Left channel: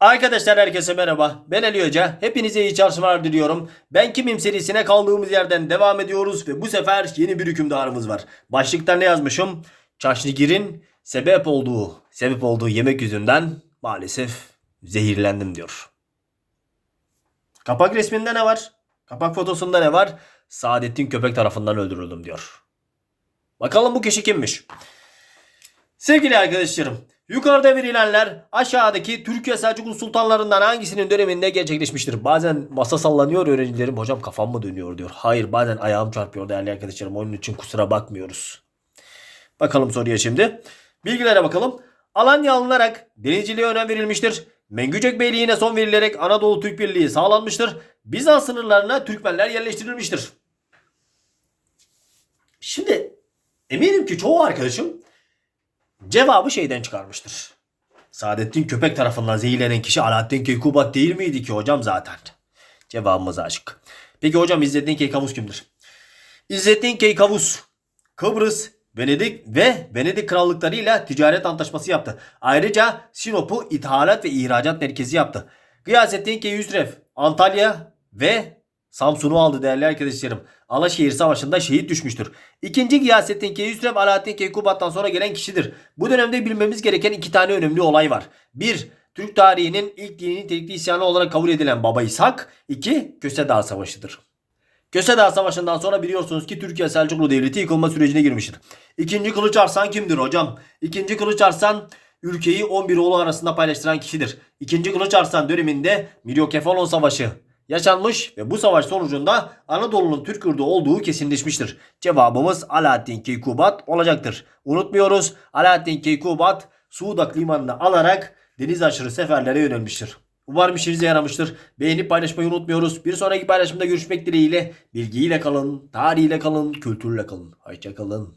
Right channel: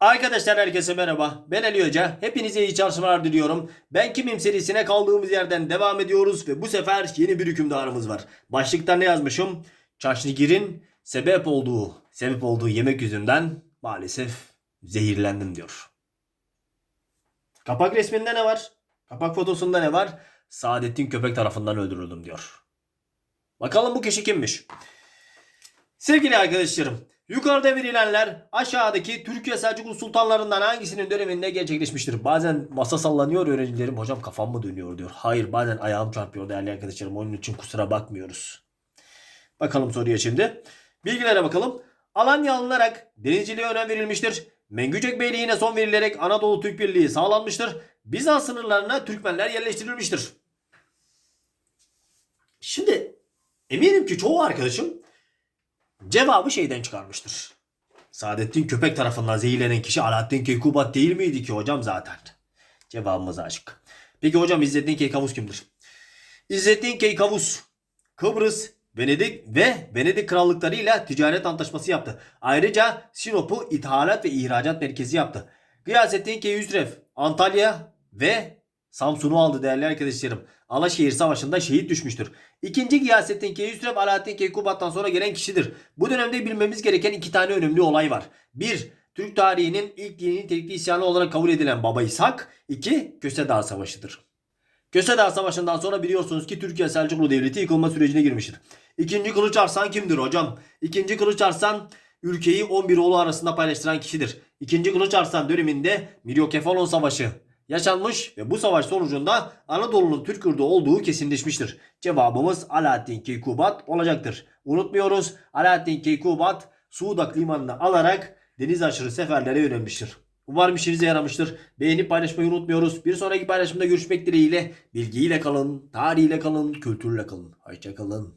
Arkadaşlar herkese merhaba. Ben Ali Hoca. Hepinize iyi çalışmalar diliyorum. Ben Kimim serisine kaldığımız yerden devam ediyoruz ve bu sefer yeni bir hükümdarımız var. Başlıkta ne yazmışım? Çaşnigir'in sebep olduğu, sebep olduğu yemek yüzünden maalesef zehirlendim diyor. Kapak resminde ne var? Kapak fotosunda ne var? Saadettin Köpek tarafından öldürüldüm diyor. Bakalım bu kişi kimmiş? Sevgili arkadaşlarım, yukarıda verilenler aşağıdaki Türkiye Selçuklu sultanlarından hangisinin döneminde gerçekleşmiştir? Bazen masa sallanıyor öğrencilerim hocam kafam mı dönüyor diyor. Hayır bazen ayağım çarpıyor değerli arkadaşlarım onun için kusura bakmıyoruz. Bakalım soruya şimdi. Bilgilere bakalım. Alanya alınarak denizciliğe önem verilmiştir. Mengücek Beyliği'ne son verilerek Anadolu Türk Birliği sağlanmıştır. Bizans sınırlarına Türkmenler yerleştirilmiştir. Şimdi eminim ki çoğu arkadaşım cevabı şeyden çıkarmıştır. Saadettin Köpek tarafından zehirlenen kişi Alaaddin Keykubat değil miydi ki hocam zaten? Cevabımız aşık. Peki hocam İzzettin Keykavus kimdir? İzzettin Keykavus Kıbrıs, Venedik ve Venedik krallıklarıyla ticaret antlaşması yaptı. Ayrıca Sinop'u ithalat ve ihracat merkezi yaptı. Gıyasettin Keyhüsrev Antalya ve Samsun'u aldı değerli arkadaşlarım. Alaşehir Savaşı'nda şehit düşmüştür. İkinci Gıyasettin Keyhüsrev Alaaddin Keykubat'tan sonra gelen kişidir. Bu dönemde bilmemiz gereken iki tane önemli olay var. Bir, Türk tarihinin ilk dini nitelikli isyanı olarak kabul edilen Baba İshak. İki, Köse Dağı Savaşı'dır. Köse Dağı Savaşı'ndan sonra biliyorsunuz ki Türkiye Selçuklu Devleti yıkılma sürecine girmiştir. İkinci Kılıç Arslan kimdir hocam? İkinci Kılıç Arslan ülkeyi 11 oğlu arasında paylaştıran kişidir. İkinci Kılıç Arslan döneminde Milyokefalon Savaşı yaşanmış ve bu savaş sonucunda Anadolu'nun Türk yurdu olduğu kesinleşmiştir. Cevabımız Alaaddin Keykubat olacaktır. Unutmuyoruz Alaaddin Keykubat Suudak limanını alarak deniz aşırı seferlere yönelmiştir. Umarım işinize yaramıştır. Beğenip paylaşmayı unutmuyoruz. Bir sonraki paylaşımda görüşmek dileğiyle. Bilgiyle kalın, tarihiyle kalın, kültürle kalın. Hoşçakalın.